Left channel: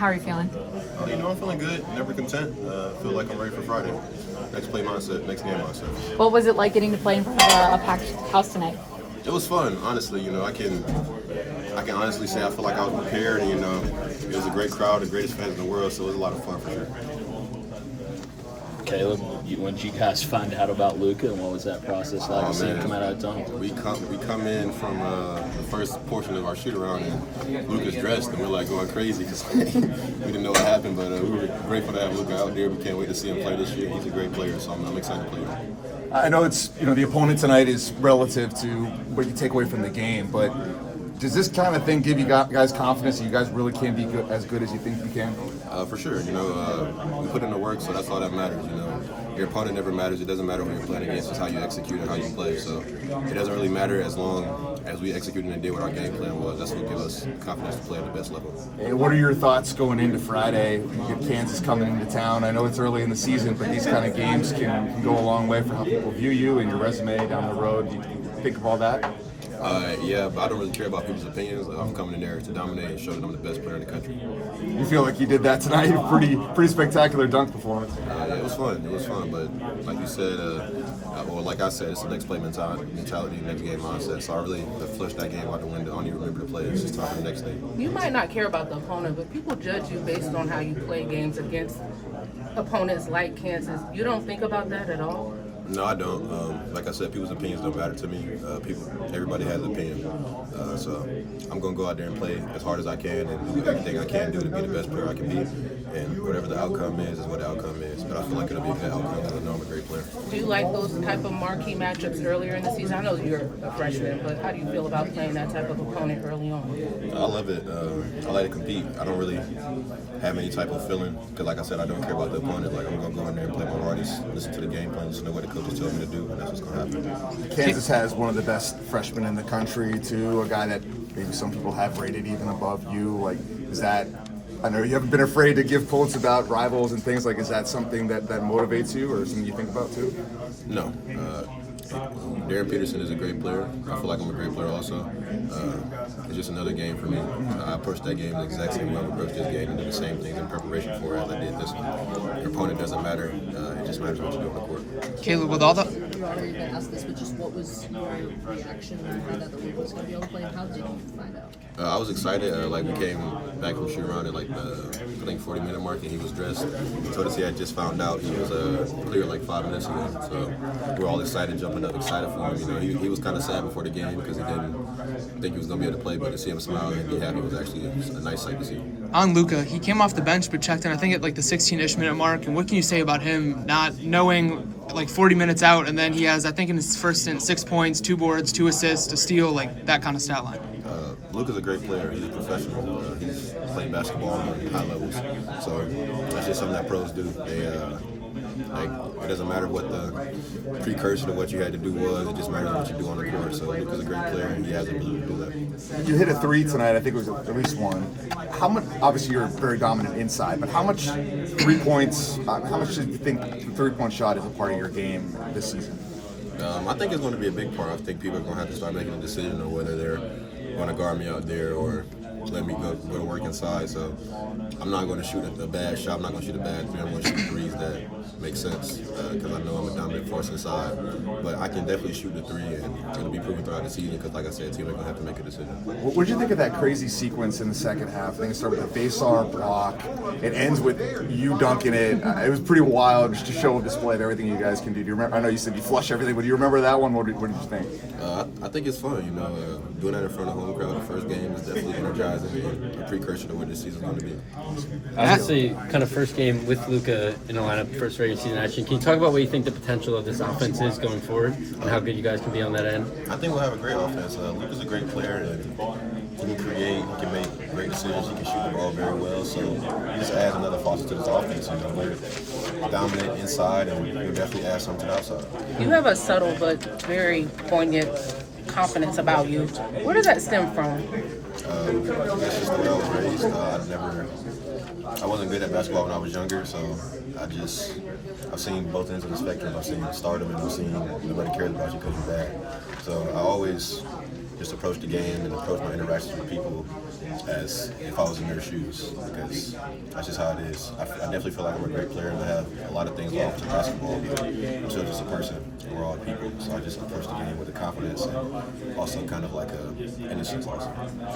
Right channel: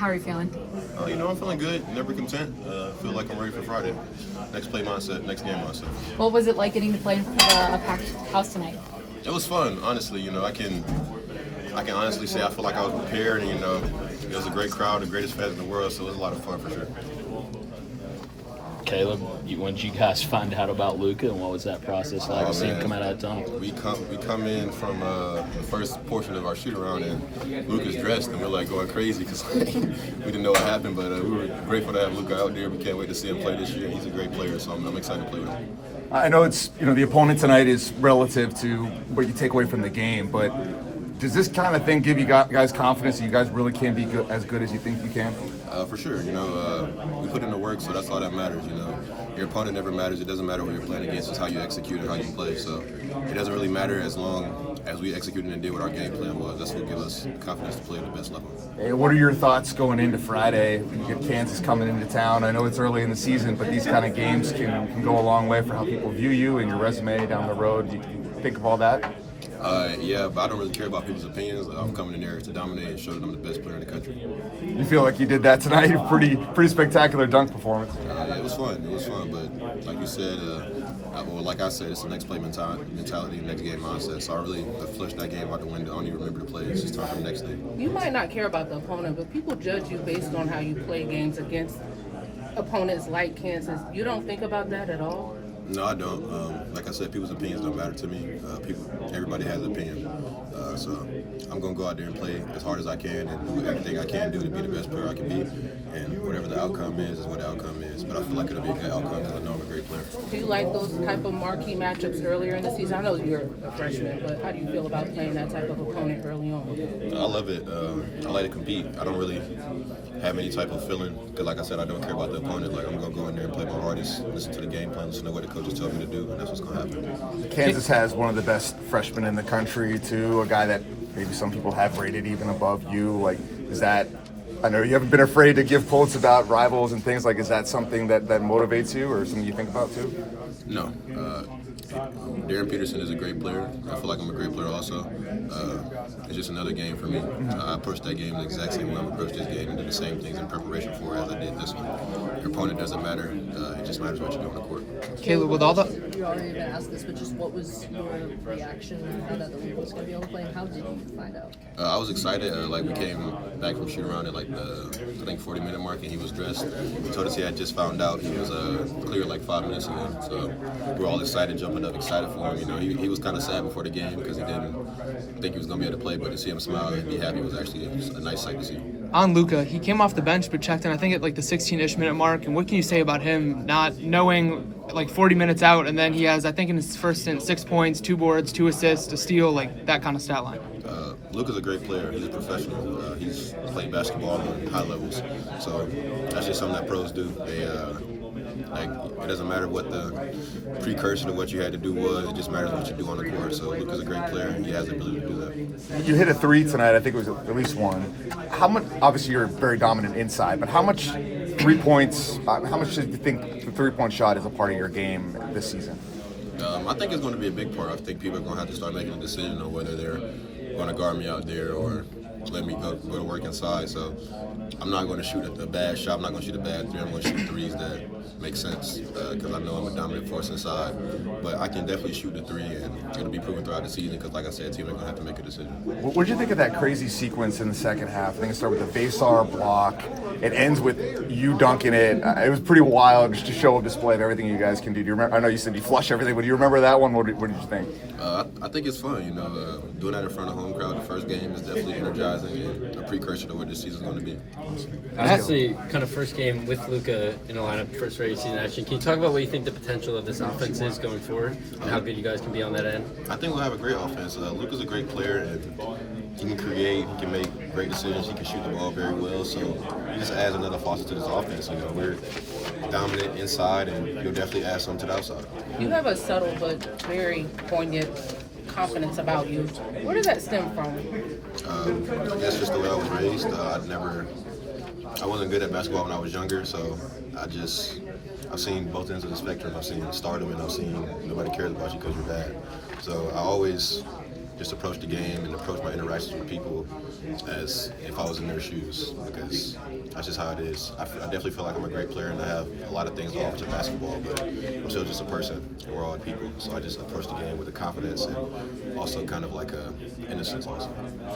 How are you feeling? I'm feeling good, never content. Feel like I'm ready for Friday. Next play mindset, next game mindset. What was it like getting to play in front of a packed house tonight? It was fun, honestly. I can honestly say I feel like I was prepared, and it was a great crowd, the greatest fans in the world, so it was a lot of fun for sure. Caleb, when did you guys find out about Luca, and what was that process like seeing him come out of tunnel? We come in from the first portion of our shoot around, and Luca's dressed, and we're like going crazy because we didn't know what happened, but we were grateful to have Luca out there. We can't wait to see him play this year. He's a great player, so I'm excited to play with him. I know it's the opponent tonight is relative to what you take away from the game, but does this kind of thing give you guys confidence that you guys really can be as good as you think you can? For sure. We put in the work, so that's all that matters. Your opponent never matters. It doesn't matter who you're playing against. It's how you execute and how you play. So it doesn't really matter as long as we executed and did what our game plan was. That's what gives us confidence to play at the best level. Hey, what are your thoughts going into Friday? You get Kansas coming into town. I know it's early in the season, but these kind of games can go a long way for how people view you and your resume down the road. You think of all that? Yeah, but I don't really care about people's opinions. I'm coming in there to dominate and show that I'm the best player in the country. You feel like you did that tonight? Pretty spectacular dunk performance. Yeah, it was fun. But like you said, like I said, it's the next play mentality, next game mindset. So I really flushed that game out the window. I don't even remember the play. It's just time for the next day. You might not care about the opponent, but people judge you based on how you play games against opponents like Kansas. You don't think about that at all? No, I don't. Like I said, people's opinions don't matter to me. Everybody has an opinion. So I'm going to go out there and play as hard as I can and do everything I can do to be the best player I can be. And whatever the outcome is what the outcome is. But I feel like it'll be a good outcome because I know I'm a great player. Do you like those type of marquee matchups earlier in the season? I know you're a freshman, but how do you feel about playing that type of opponent early on? I love it. I like to compete. I don't really have any type of feeling because, like I said, I don't care about the opponent. Like, I'm going to go in there and play my hardest, listen to the game plan, listen to what the coaches tell me to do, and that's what's going to happen. Kansas has one of the best freshmen in the country, too, a guy that maybe some people have rated even above you. Like, is that, I know you haven't been afraid to give quotes about rivals and things, like, is that something that motivates you or something you think about, too? No. Darren Peterson is a great player. I feel like I'm a great player also. It's just another game for me. I approached that game the exact same way I approached this game and did the same things in preparation for it as I did this one. Your opponent doesn't matter. It just matters what you do on the court. Caleb, with all the... You already been asked this, but just what was your reaction when you heard that Luca was going to be able to play, and how did you find out? I was excited. We came back from shoot around at I think 40-minute mark, and he was dressed. He told us he had just found out he was cleared 5 minutes ago. So we were all excited, jumping up, excited for him. He was kind of sad before the game because he didn't think he was going to be able to play, but to see him smile and be happy was actually a nice sight to see. On Luca, he came off the bench but checked in, I think, at the 16-ish minute mark. And what can you say about him not knowing 40 minutes out, and then he has, I think, in his first stint, 6 points, 2 boards, 2 assists, a steal, that kind of stat line? Luca's a great player. He's a professional. He's played basketball on high levels. So that's just something that pros do. They it doesn't matter what the precursor to what you had to do was. It just matters what you do on the court. So Luca's a great player, and he has the ability to do that. You hit a three tonight. I think it was at least one. How much? Obviously, you're very dominant inside, but how much 3 points? How much do you think the 3-point shot is a part of your game this season? I think it's going to be a big part. I think people are going to have to start making a decision on whether they're going to guard me out there or let me go to work inside. So I'm not going to shoot a bad shot. I'm not going to shoot a bad three. I'm going to shoot threes that make sense because I know I'm a dominant force inside. But I can definitely shoot the three, and it'll be proven throughout the season because, like I said, teams are going to have to make a decision. What did you think of that crazy sequence in the second half? I think it started with the Basar block. It ends with you dunking it. It was pretty wild, just to show a display of everything you guys can do. Do you remember? I know you said you flush everything, but do you remember that one? What did you think? I think it's fun. Doing that in front of home crowd the first game is definitely energizing and a precursor to what this season's going to be. Actually, kind of first game with Luca in the lineup, first regular season action. Can you talk about what you think the potential of this offense is going forward and how good you guys can be on that end? I think we'll have a great offense. Luca's a great player, and he can create, he can make great decisions, he can shoot the ball very well. So he just adds another facet to this offense. We're dominant inside, and he'll definitely add something to the outside. You have a subtle but very poignant confidence about you. Where does that stem from? I guess just the way I was raised. I wasn't good at basketball when I was younger, so I've seen both ends of the spectrum. I've seen stardom, and I've seen nobody cares about you because you're bad. So I always just approach the game and approach my interactions with people as if I was in their shoes, because that's just how it is. I definitely feel like I'm a great player and I have a lot of things to offer to basketball, but I'm still just a person and we're all people. So I just approach the game with a confidence and also kind of like a innocence also.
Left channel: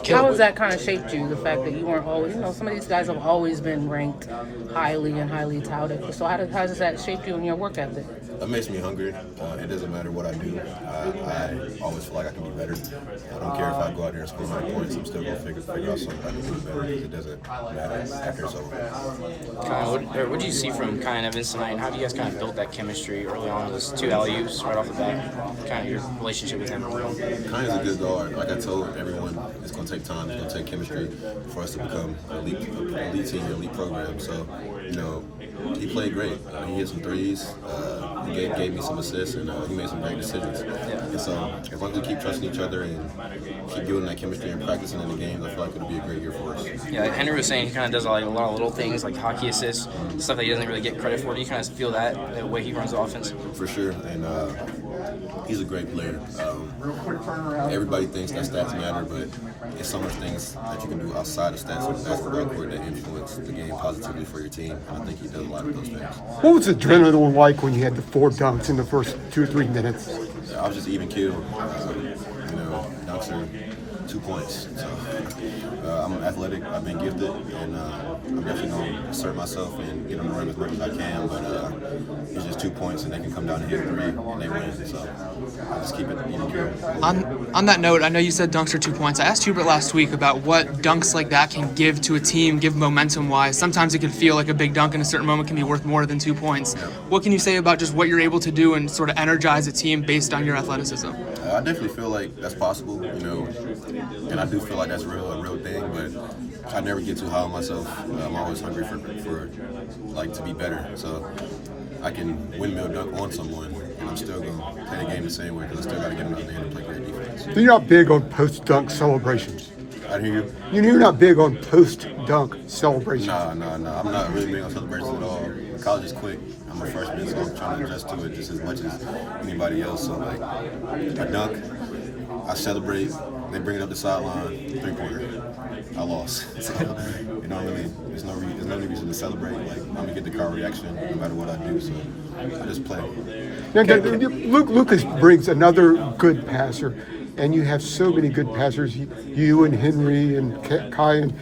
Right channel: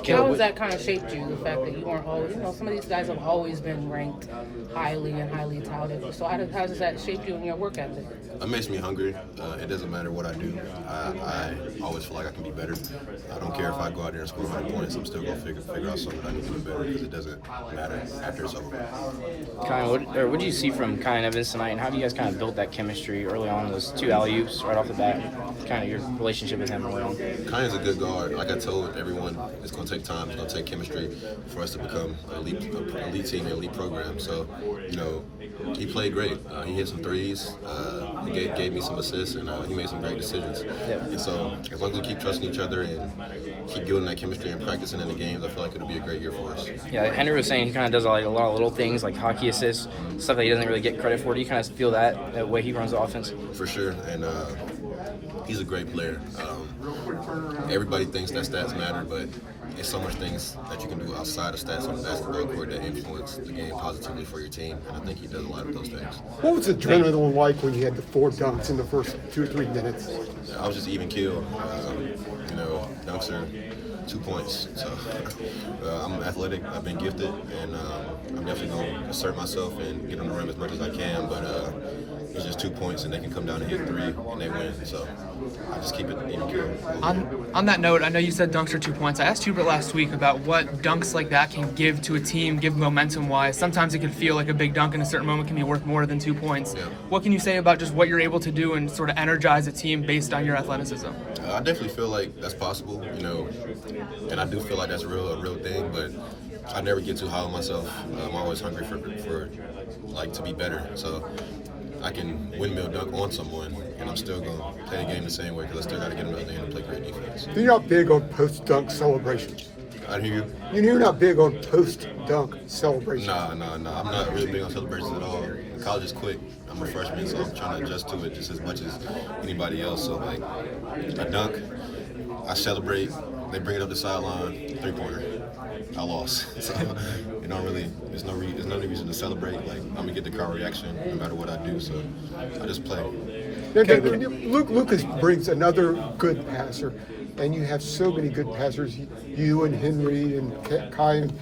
How has that kind of shaped you? The fact that you weren't always, some of these guys have always been ranked highly and highly touted. So how does that shape you in your work ethic? It makes me hungry. It doesn't matter what I do. I always feel like I can be better. I don't care if I go out there and score 100 points. I'm still going to figure out something I can do better, because it doesn't matter after it's over. What do you see from kind of this tonight, and how do you guys kind of build that chemistry early on? Those 2 alley-oops right off the bat, kind of your relationship with him. Kind of a good guard. Like I told everyone, it's going to take time. It's going to take chemistry for us to become an elite team, an elite program. So, he played great. He hit some threes. He gave me some assists, and he made some great decisions. And so, as long as we keep trusting each other and keep building that chemistry and practicing in the games, I feel like it'll be a great year for us. Yeah, like Henry was saying, he kind of does like a lot of little things, like hockey assists, stuff that he doesn't really get credit for. Do you kind of feel that way he runs the offense? For sure, and he's a great player. Everybody thinks that stats matter, but it's so much things that you can do outside of stats on the basketball court that influence the game positively for your team, and I think he does a lot of those things. What was the adrenaline like when you had the 4 dunks in the first 2 or 3 minutes? I was just even killed. Dunks are 2 points. So I'm athletic. I've been gifted, and I'm definitely going to assert myself and get on the rim as much as I can. But it's just 2 points, and they can come down and hit 3, and they win. So I just keep it even killed. On that note, I know you said dunks are 2 points. I asked Hubert last week about what dunks like that can give to a team, give momentum-wise. Sometimes it can feel like a big dunk in a certain moment can be worth more than 2 points. Yeah. What can you say about just what you're able to do and sort of energize a team based on your athleticism? I definitely feel like that's possible, and I do feel like that's a real thing, but I never get too high on myself. I'm always hungry for to be better. So I can windmill dunk on someone, and I'm still going to play the game the same way, because I still got to get another end and play great defense. You're not big on post-dunk celebrations. I hear you. You're not big on post-dunk celebrations. Nah. I'm not really big on celebrations at all. College is quick. I'm a freshman, so I'm trying to adjust to it just as much as anybody else. So, like, I dunk, I celebrate, they bring it up the sideline, 3-pointer. I lost. So, there's no reason to celebrate. Like, I'm going to get the crowd reaction no matter what I do, so I just play. Lucas brings another good passer, and you have so many good passers, you and Henry and Kai. And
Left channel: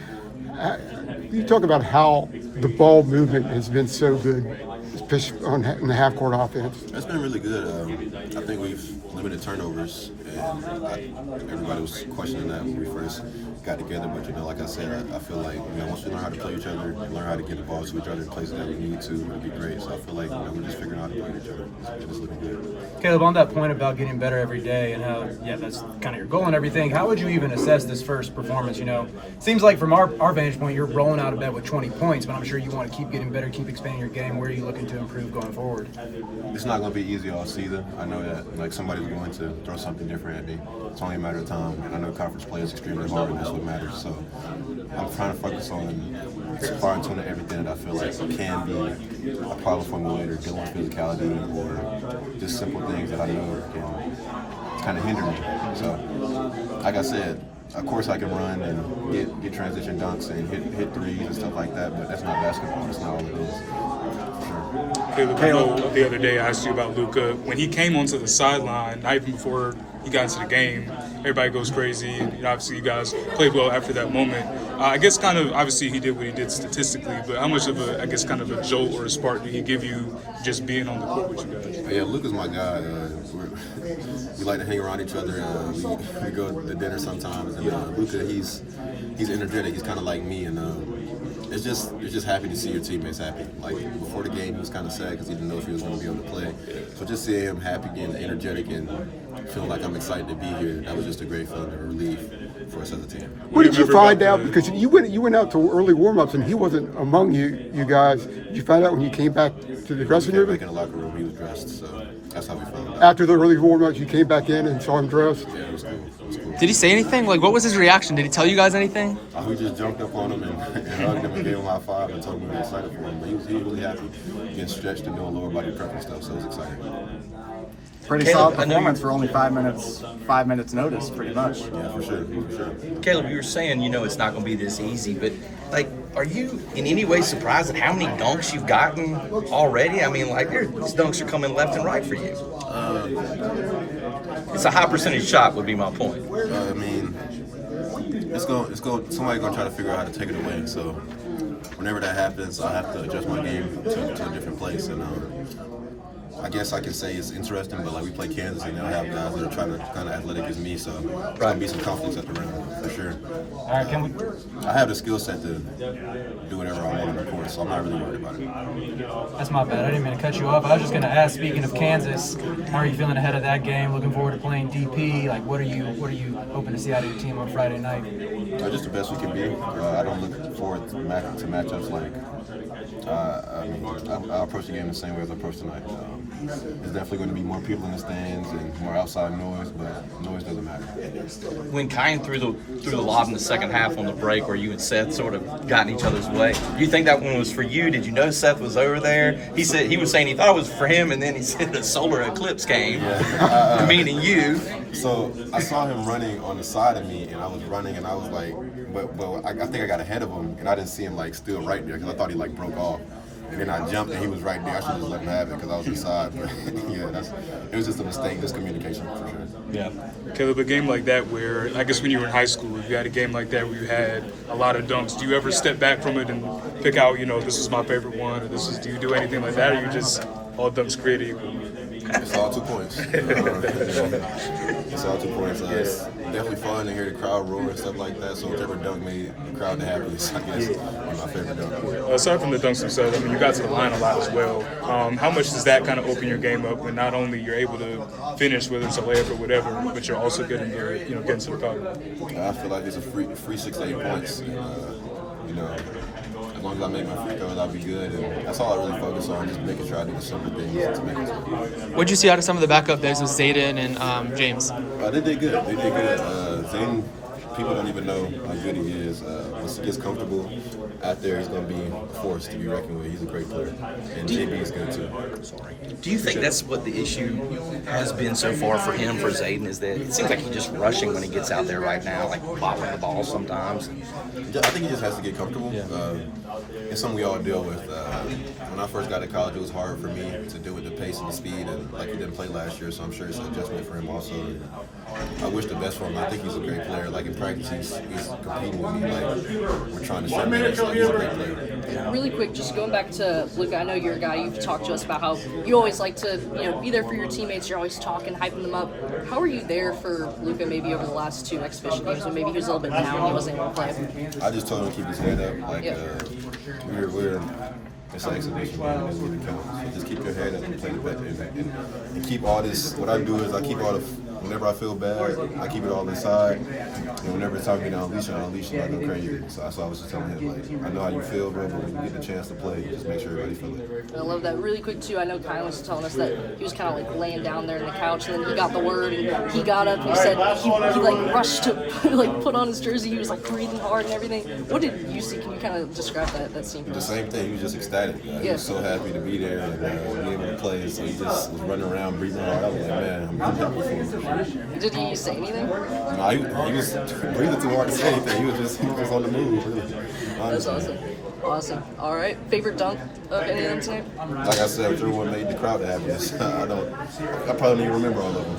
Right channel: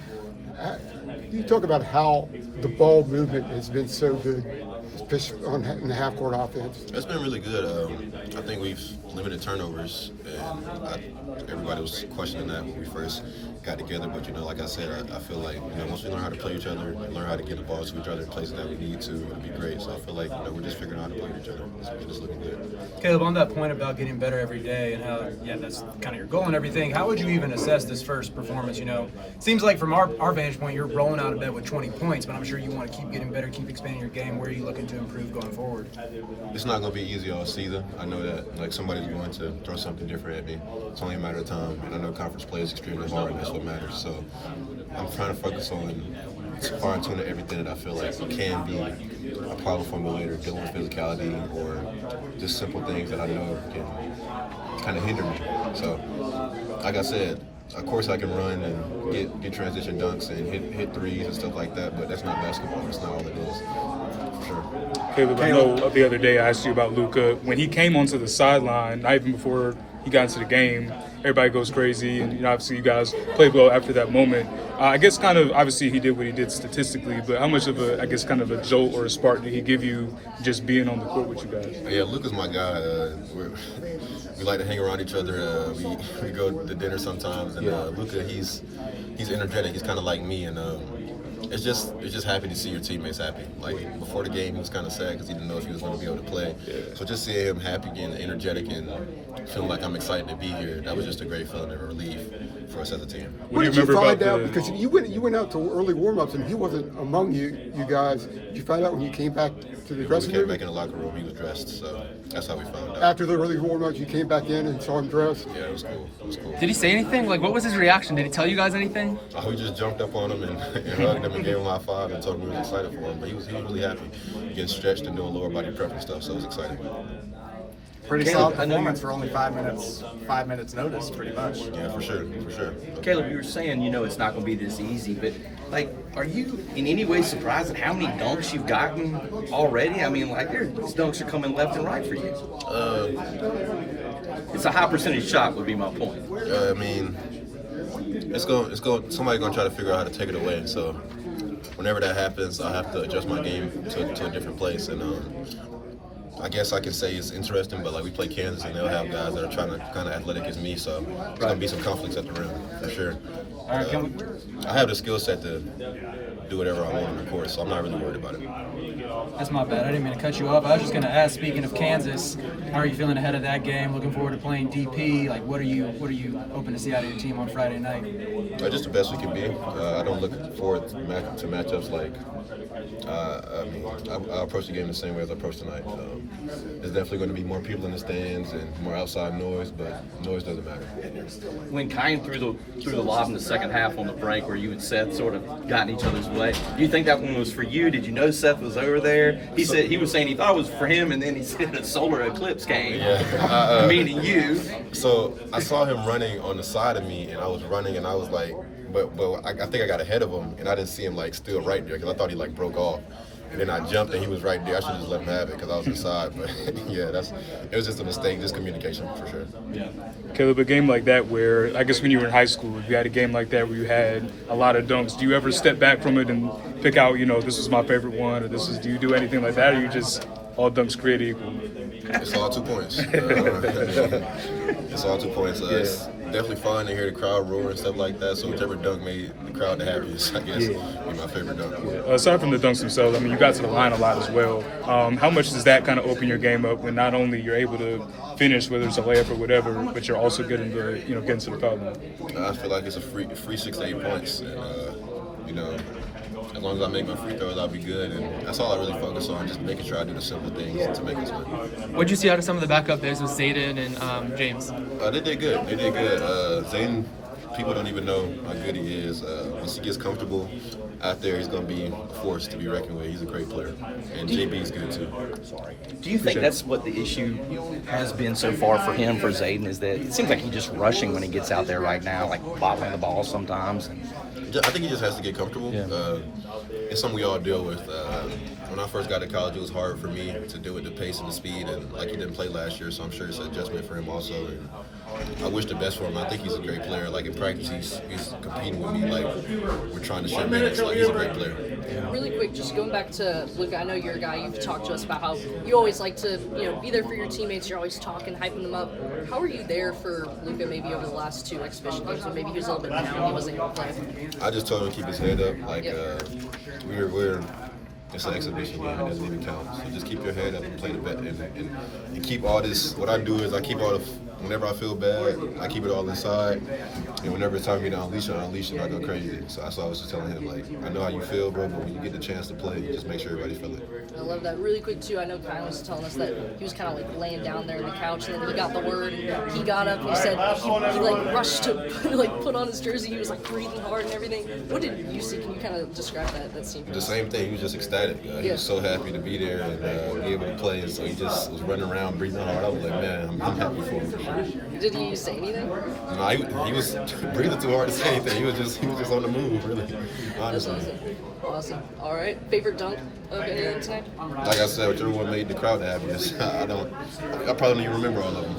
you talk about how the ball movement has been so good, especially in the half-court offense. It's been really good. I think we've limited turnovers, and everybody was questioning that when we first got together. But like I said, I feel like once we learn how to play each other, and learn how to get the ball to each other in places that we need to, it'll be great. So I feel like we're just figuring out how to play with each other. It's looking good. Caleb, on that point about getting better every day and how that's kind of your goal and everything, how would you even assess this first performance? Seems like from our vantage point, you're rolling out of bed with 20 points, but I'm sure you want to keep getting better, keep expanding your game. Where are you looking to improve going forward? It's not going to be easy all season. I know that somebody's going to throw something different at me. It's only a matter of time, and I know conference play is extremely hard, and that's what matters. So I'm trying to focus on fine-tuning everything that I feel like can be a problem for me later, dealing with physicality or just simple things that I know can kind of hinder me. So, like I said, of course I can run and get transition dunks and hit threes and stuff like that, but that's not basketball. That's not all it is. For sure. Caleb, I know the other day I asked you about Luca. When he came onto the sideline, not even before he got into the game, everybody goes crazy, and obviously you guys played well after that moment. I guess kind of, obviously he did what he did statistically, but how much of kind of a jolt or a spark did he give you just being on the court with you guys? Yeah, Luca's my guy. We like to hang around each other. We go to dinner sometimes, and Luca, he's energetic. He's kind of like me, and it's just happy to see your teammates happy. Like before the game, he was kind of sad because he didn't know if he was going to be able to play. So just seeing him happy and energetic and feeling like I'm excited to be here, that was just a great feeling of relief for us as a team. What did you find out? Because you went out to early warm-ups and he wasn't among you guys. Did you find out when you came back to the dressing room? Back in the locker room, he was dressed, so that's how we found out. After the early warm-ups, you came back in and saw him dressed? Yeah, it was cool. Did he say anything? Like, what was his reaction? Did he tell you guys anything? We just jumped up on him and hugged him and gave him a high five and told him we were excited for him. But he was really happy, getting stretched and doing lower body prep and stuff, so it was exciting. Pretty Caleb, solid performance for only 5 minutes. 5 minutes notice, pretty much. Yeah, for sure. Caleb, you were saying, it's not going to be this easy, but like, are you in any way surprised at how many dunks you've gotten already? I mean, like, these dunks are coming left and right for you. It's a high percentage shot, would be my point. I mean, somebody's gonna try to figure out how to take it away. So whenever that happens, I have to adjust my game to a different place. And I guess I can say it's interesting, but like we play Kansas and they'll have guys that are trying to kind of athletic as me, so there's gonna be some conflicts at the rim for sure. I have the skill set to do whatever I want on the court, so I'm not really worried about it. That's my bad. I didn't mean to cut you off. I was just going to ask, speaking of Kansas, how are you feeling ahead of that game? Looking forward to playing DP. Like, what are you hoping to see out of your team on Friday night? Just the best we can be. I don't look forward to matchups like. I approach the game the same way as I approach tonight. There's definitely going to be more people in the stands and more outside noise, but noise doesn't matter. When Kyan threw the lob in the second half on the break, where you and Seth sort of got in each other's way, do you think that one was for you? Did you know Seth was over there? He was saying he thought it was for him, and then he said the solar eclipse came, meaning you. So I saw him running on the side of me, and I was running, and I was like, but I think I got ahead of him, and I didn't see him like still right there because I thought he like broke off. And then I jumped and he was right there. I should just let him have it because I was inside. But yeah, it was just a mistake, just communication for sure. Yeah. Caleb, a game like that where, I guess when you were in high school, if you had a game like that where you had a lot of dunks, do you ever step back from it and pick out, this is my favorite one, or do you do anything like that, or you just all dunks created equal? It's all 2 points. It's all 2 points. It's definitely fun to hear the crowd roar and stuff like that. So whichever dunk made the crowd the happiest, I guess, is my favorite dunk. Aside from the dunks themselves, you got to the line a lot as well. How much does that kind of open your game up when not only you're able to finish, whether it's a layup or whatever, but you're also getting getting to the foul? I feel like it's a free 6 to 8 points, and as long as I make my free throws, I'll be good. And that's all I really focus on, just making sure I do the simple things to make us win. What'd you see out of some of the backup days with Zayden and James? They did good. Zayden, people don't even know how good he is. Once he gets comfortable out there, he's going to be a force to be reckoned with. He's a great player. And JB is good too. Do you think that's what the issue has been so far for him, for Zayden, is that it seems like he's just rushing when he gets out there right now, like bobbling the ball sometimes? I think he just has to get comfortable. It's something we all deal with. When I first got to college, it was hard for me to deal with the pace and the speed, and like he didn't play last year, so I'm sure it's an adjustment for him also. And I wish the best for him. I think he's a great player. Like in practice, he's competing with me. Like we're trying to share minutes. Like he's a great player. Really quick, just going back to Luca, I know you're a guy, you've talked to us about how you always like to, be there for your teammates, you're always talking, hyping them up. How are you there for Luca maybe over the last 2 exhibition games when maybe he was a little bit down, he wasn't able to play? I just told him to keep his head up. Like it's an exhibition game, it doesn't even count. So just keep your head up and play the bet and keep all this. What I do is I keep all the. Whenever I feel bad, I keep it all inside. And whenever it's time for me to unleash it, I go crazy. So that's why I was just telling him, like, I know how you feel, bro, but when you get the chance to play, just make sure everybody feel it. I love that. Really quick, too, I know Kyle was telling us that he was kind of like laying down there in the couch, and then he got the word, and he got up, and he said he like rushed to like put on his jersey. He was like breathing hard and everything. What did you see? Can you kind of describe that scene? The same thing. He was just ecstatic. He was so happy to be there and be able to play, and so he just was running around, breathing hard. I was like, man, I'm happy for him. Did he say anything? No, he was breathing too hard to say anything. He was just on the move, really. Honestly. That's awesome. All right. Favorite dunk of any of them today? Like I said, whichever one made the crowd the happiest. I probably don't even remember all of them.